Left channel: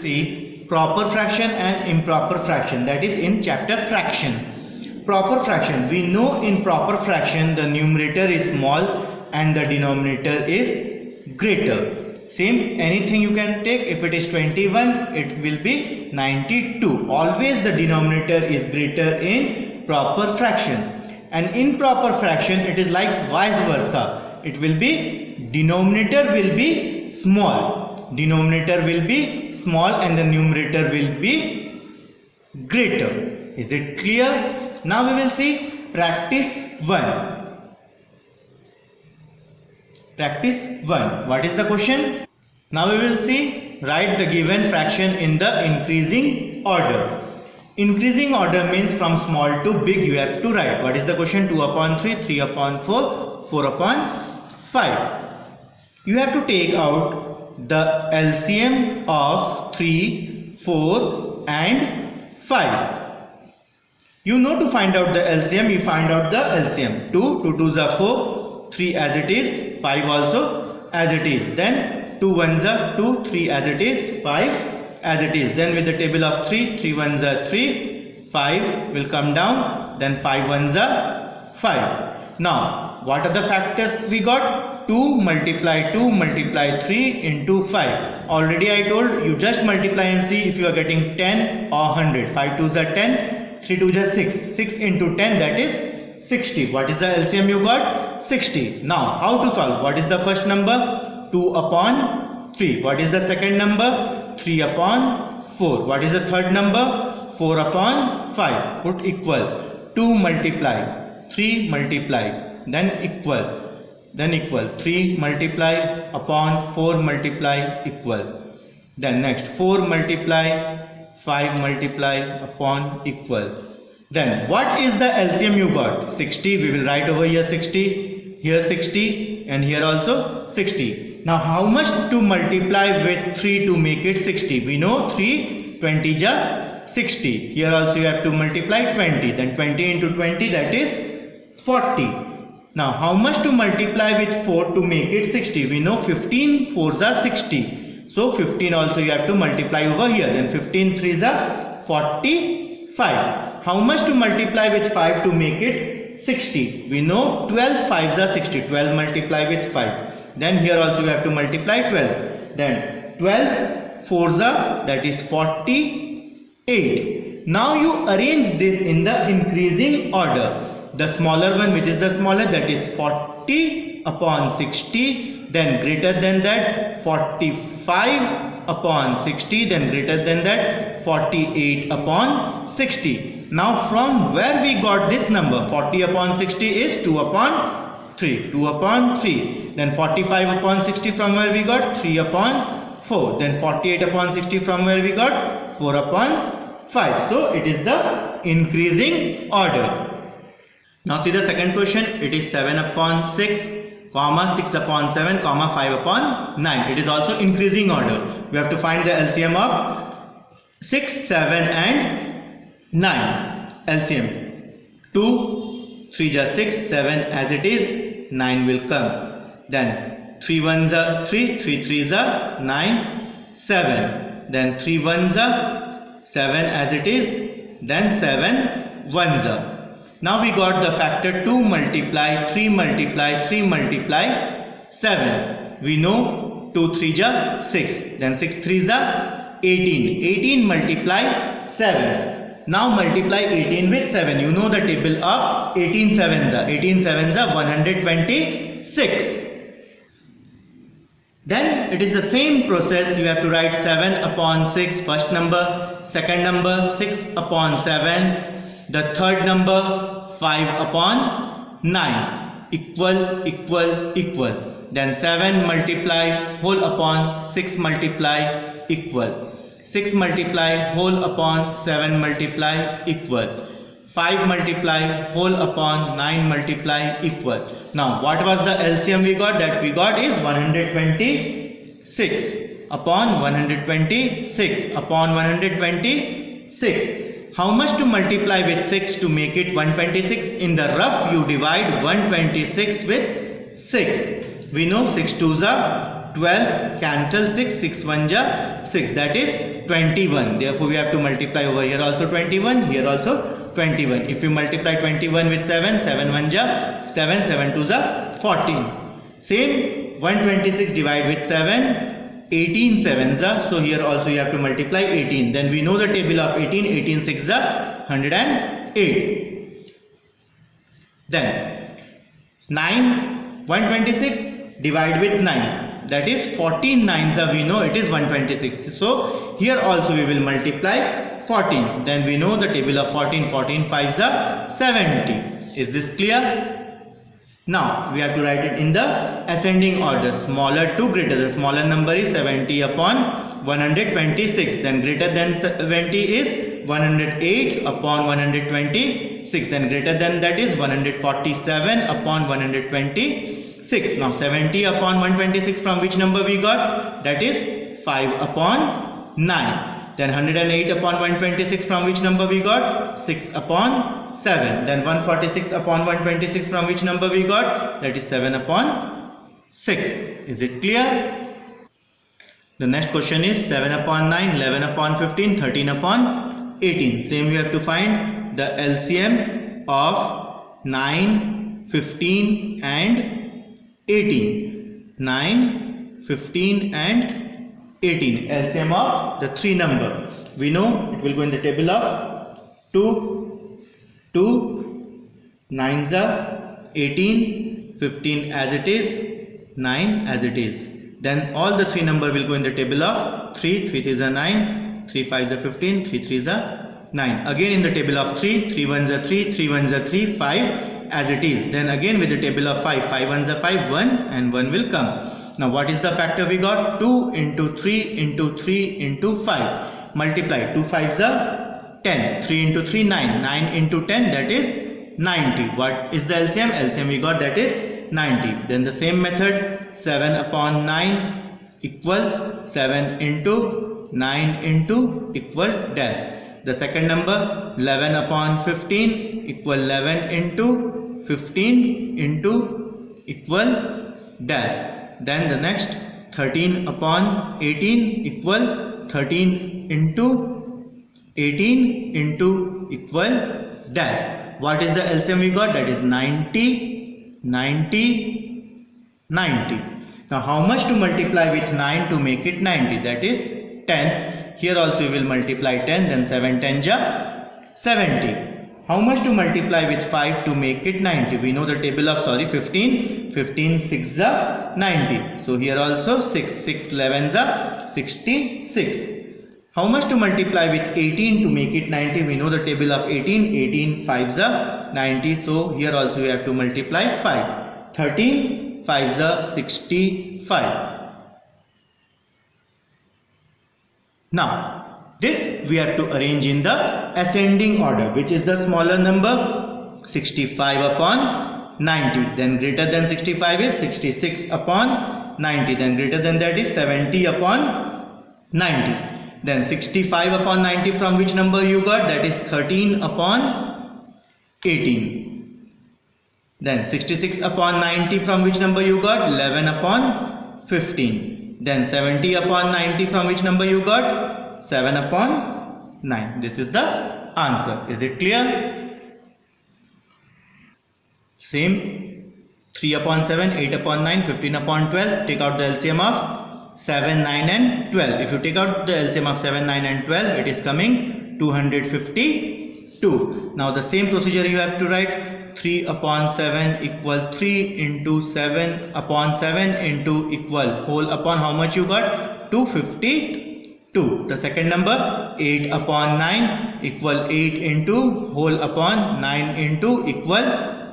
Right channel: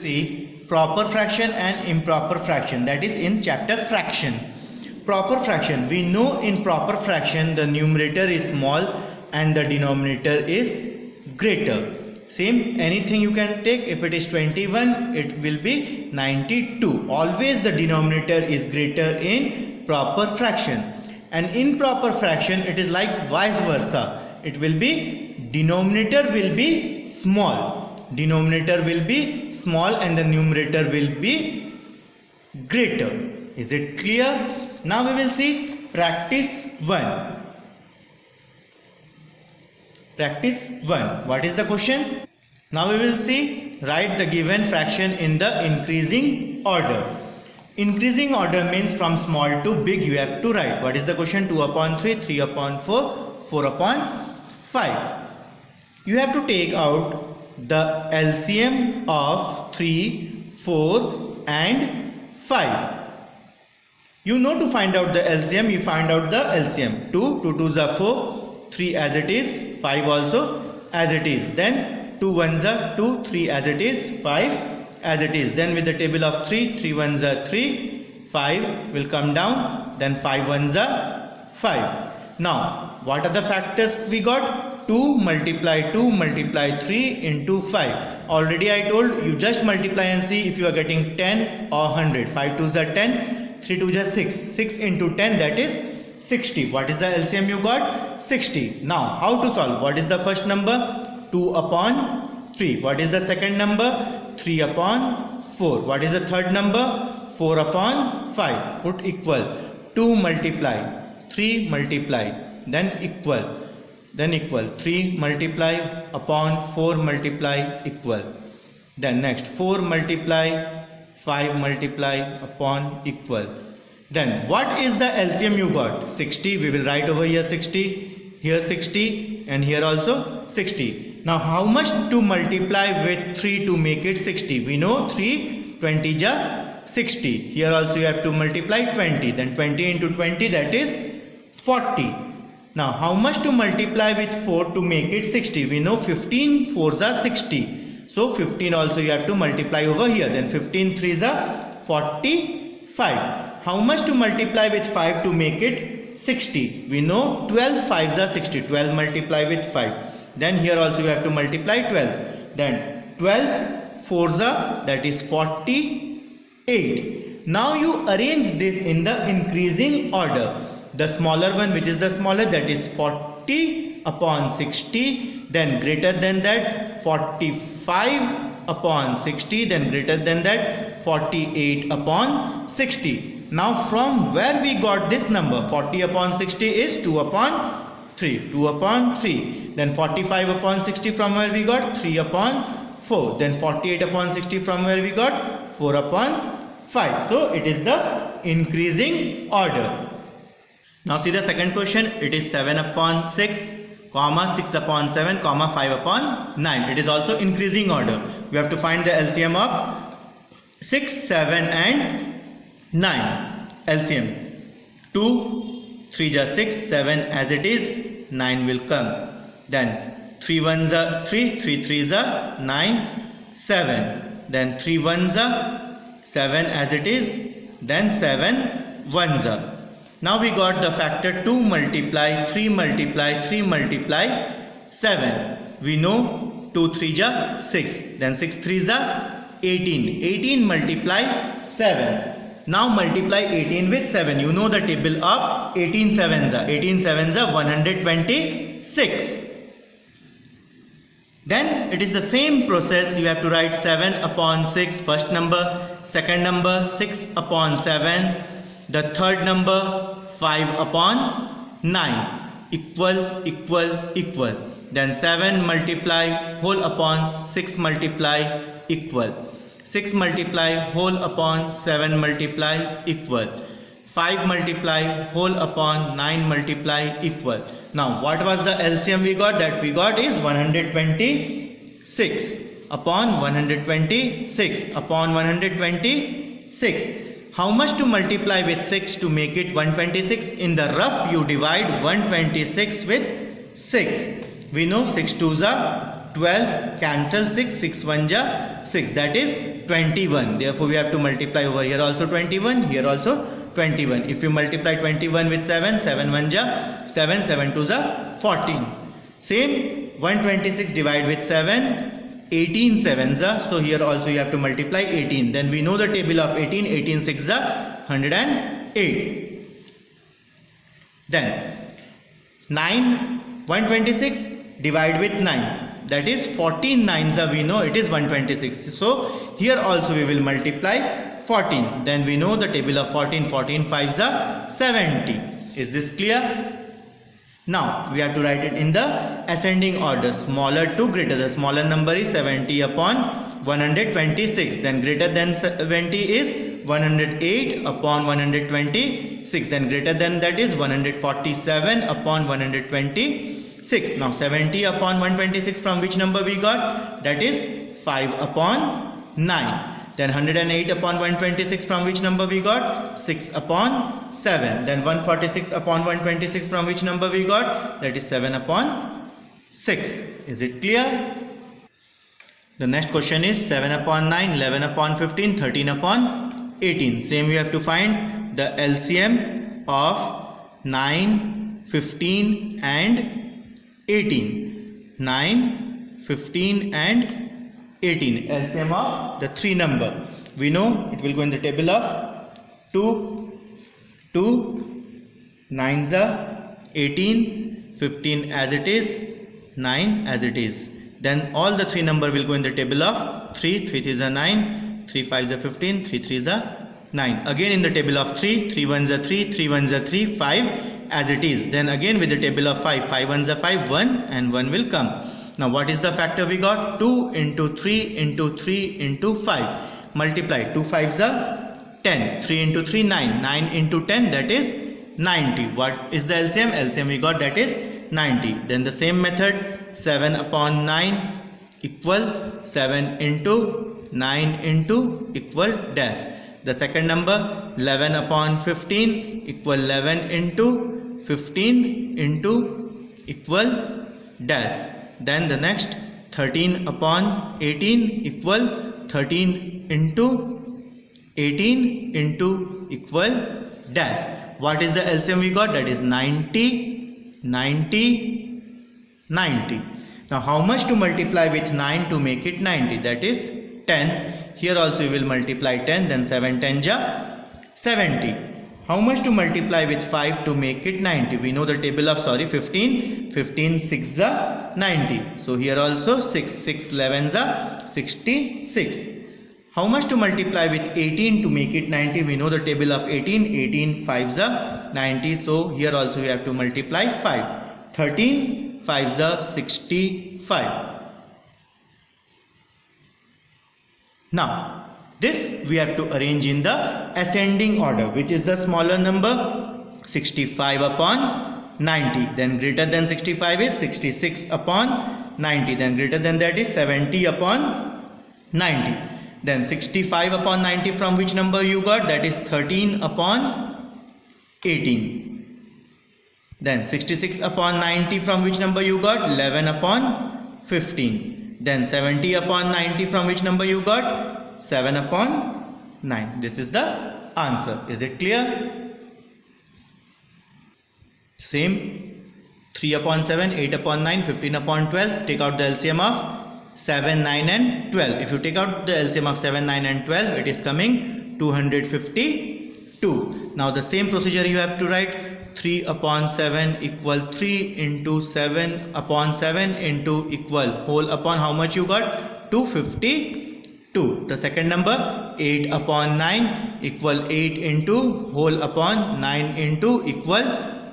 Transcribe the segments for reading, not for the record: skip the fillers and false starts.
See proper fraction and improper fraction, that is in chapter fraction. Proper fraction, we know in proper fraction the numerator is small and the denominator is greater. Same, anything you can take. If it is 21, it will be 92. Always the denominator is greater in proper fraction. And in proper fraction it is like vice versa. It will be denominator will be small. Denominator will be small and the numerator will be greater. Is it clear? Now we will see practice 1. Practice 1. What is the question? Now we will see, write the given fraction in the increasing order. Increasing order means from small to big you have to write. What is the question? 2 upon 3, 3 upon 4, 4 upon 5. You have to take out the LCM of 3, 4 and 5. You know to find out the LCM, you find out the LCM. 2, 2 2s are 4, 3 as it is, 5 also as it is. Then 2 1s are 2, 3 as it is, 5 as it is. Then with the table of 3, 3 1s are 3, 5 will come down, then 5 1s are 5. Now what are the factors we got? 2 multiply 3 into 5. Already I told you, just multiply and see if you are getting 10 or 100. 5 2s are 10, 3 2s are 6. 6 into 10, that is 60. What is the LCM you got? 60. Now how to solve? What is the first number? 2 upon 3. What is the second number? 3 upon 4. What is the third number? 4 upon 5. Put equal. 2 multiply 3 multiply, then equal. Then equal. 3 multiply upon 4 multiply equal. Then next 4 multiply 5 multiply upon equal. Then what is the LCM you got? 60. We will write over here 60, here 60 and here also 60. Now how much to multiply with 3 to make it 60? We know 3 20 ja 60. Here also you have to multiply 20. Then 20 into 20, that is 40. Now how much to multiply with 4 to make it 60? We know 15 4s are 60. So 15 also you have to multiply over here. Then 15 3s are 45. How much to multiply with 5 to make it 60? We know 12 5s are 60. 12 multiply with 5. Then here also you have to multiply 12. Then 12 4s are, that is 48. Now you arrange this in the increasing order. The smaller one, which is the smaller, that is 40 upon 60. Then greater than that 45 upon 60. Then greater than that 48 upon 60. Now from where we got this number? 40 upon 60 is 2 upon 3. 2 upon 3. Then 45 upon 60 from where we got? 3 upon 4. Then 48 upon 60 from where we got? 4 upon 5. So it is the increasing order. Now see the second question. It is 7 upon 6, comma 6 upon 7, comma 5 upon 9. It is also increasing order. We have to find the LCM of 6, 7 and 9. LCM. 2, 3 ja 6, 7 as it is, 9 will come. Then 3 1s are 3, 3 3s are 9, 7. Then 3 1s are 7 as it is, then 7 1s are. Now we got the factor 2 multiply 3 multiply 3 multiply 7. We know 2 3 ja 6. Then 6 3s are 18. 18 multiply 7. Now multiply 18 with 7. You know the table of 18 7s are. 18 7s are 126. Then it is the same process. You have to write 7 upon 6 first number, second number 6 upon 7, the third number 5 upon 9, equal equal equal. Then 7 multiply whole upon 6 multiply equal. 6 multiply whole upon 7 multiply equal. 5 multiply whole upon 9 multiply equal. Now what was the LCM we got? That we got is 126 upon 126 upon 126. How much to multiply with 6 to make it 126? In the rough you divide 126 with 6. We know 6 2s are 12 cancel 6, 6 1 ja 6, that is 21. Therefore we have to multiply over here also 21, here also 21. If you multiply 21 with 7, 7 1 ja 7, 7 2 ja 14. Same 126 divide with 7, 18 7s are, so here also you have to multiply 18. Then we know the table of 18, 18 6 are 108. Then 9, 126 divide with 9, that is 14 9s are, we know it is 126. So here also we will multiply 14. Then we know the table of 14, 14 5s are 70. Is this clear? Now we have to write it in the ascending order, smaller to greater. The smaller number is 70 upon 126. Then greater than 70 is 108 upon 126. Then greater than that is 147 upon 126. Now 70 upon 126 from which number we got? That is 5 upon 9. Then 108 upon 126 from which number we got? 6 upon 7. Then 146 upon 126 from which number we got? That is 7 upon 6. Is it clear? The next question is 7 upon 9, 11 upon 15, 13 upon 18. Same we have to find the LCM of 9, 15 and 18. 9, 15 and 18. LCM of the three number. We know it will go in the table of 2, 9s are 18, 15 as it is, 9 as it is. Then all the three number will go in the table of 3, 3 3s are 9, 3 5s are 15, 3 3s are 9. Again in the table of 3, 3 1s are 3, 3 1s are 3, 5 as it is. Then again with the table of 5, 5 1s are 5, 1 and 1 will come. Now what is the factor we got? 2 into 3 into 3 into 5. Multiply. 2 5s are 10. 3 into 3 9. 9 into 10 that is 90. What is the LCM? LCM we got that is 90. Then the same method 7 upon 9 equal 7 into 9 into equal dash. The second number 11 upon 15 equal 11 into 15 into equal dash. Then the next 13 upon 18 equal 13 into 18 into equal dash. What is the LCM we got? That is 90, 90, 90. Now how much to multiply with 9 to make it 90? That is 10. Here also we will multiply 10. Then 7 10 ja 70. How much to multiply with 5 to make it 90? We know the table of 15. 15 6 are 90. So here also 6 6 11s are 66. How much to multiply with 18 to make it 90? We know the table of 18. 18 5s are 90. So here also we have to multiply 5. 13 5s are 65. Now this we have to arrange in the ascending order. Which is the smaller number? 65 upon 90. Then greater than 65 is 66 upon 90. Then greater than that is 70 upon 90. Then 65 upon 90 from which number you got? That is 13 upon 18. Then 66 upon 90 from which number you got? 11 upon 15. Then 70 upon 90 from which number you got? 7 upon 9. This is the answer. Is it clear? Same 3 upon 7, 8 upon 9, 15 upon 12. Take out the LCM of 7, 9 and 12. If you take out the LCM of 7, 9 and 12, it is coming 252. Now the same procedure you have to write. 3 upon 7 equal 3 into 7 upon 7 into equal whole upon how much you got? 252. The second number 8 upon 9 equal 8 into whole upon 9 into equal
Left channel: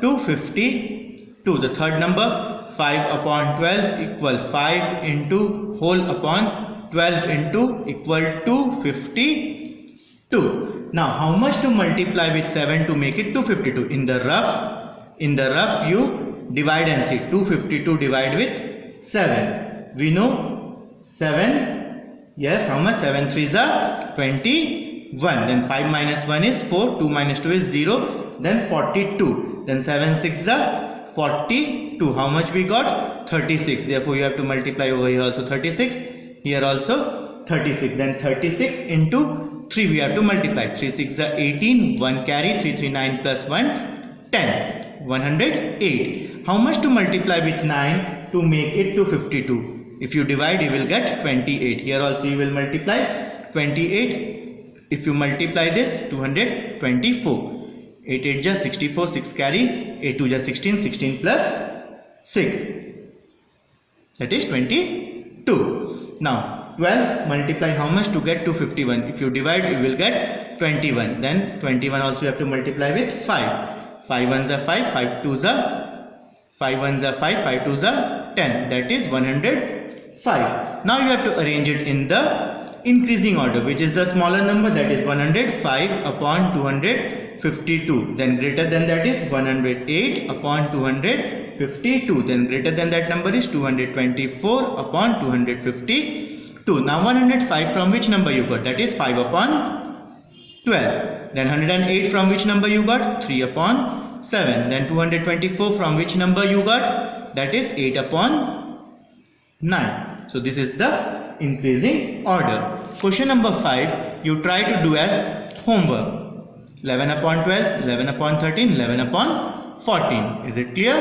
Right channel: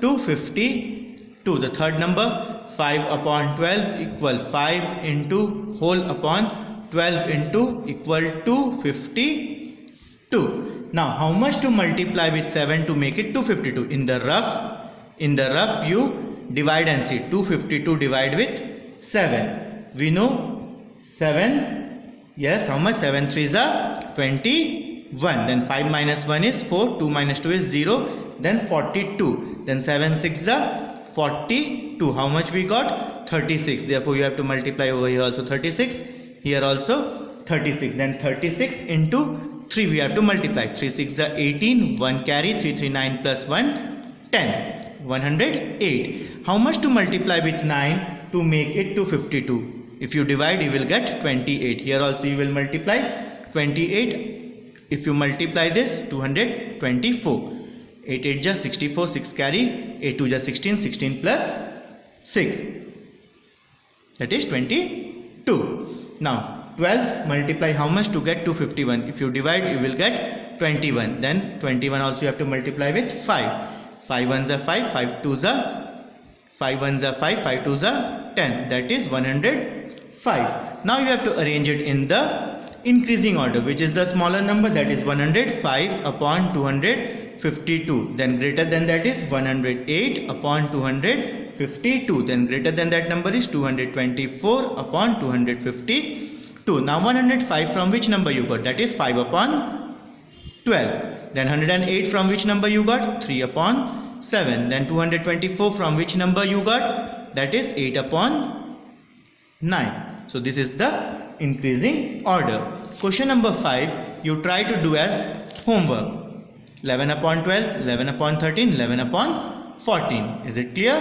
252. The third number 5 upon 12 equal 5 into whole upon 12 into equal 252. Now how much to multiply with 7 to make it 252? In the rough you divide and see. 252 divide with 7. We know 7. Yes, how much? 7 3s are 21. Then 5 minus 1 is 4. 2 minus 2 is 0. Then 42. Then 7 6s are 40. 2. How much we got? 36. Therefore, you have to multiply over here also 36. Here also 36. Then 36 into 3 we have to multiply. 3 6 are 18. 1 carry. 3 3 9 plus 1 10. 108. How much to multiply with 9 to make it to 52? If you divide, you will get 28. Here also you will multiply 28. If you multiply this, 224. 8 8 just 64. 6 carry. 8 2 just 16. 16 plus 6. That is 22. Now 12 multiply how much to get to 51? If you divide, you will get 21. Then 21 also you have to multiply with 5. 5 1s are 5. 5 2s are 5 1s are 5. 5 2s are 10. That is 105. Now you have to arrange it in the increasing order, which is the smaller number, that is 105 upon 252. Then greater than that is 108 upon 252. Then greater than that number is 224 upon 252. Now 105 from which number you got? That is 5 upon 12. Then 108 from which number you got? 3 upon 7. Then 224 from which number you got? That is 8 upon 9. So this is the increasing order. Question number 5, you try to do as homework. 11 upon 12, 11 upon 13, 11 upon 14. Is it clear?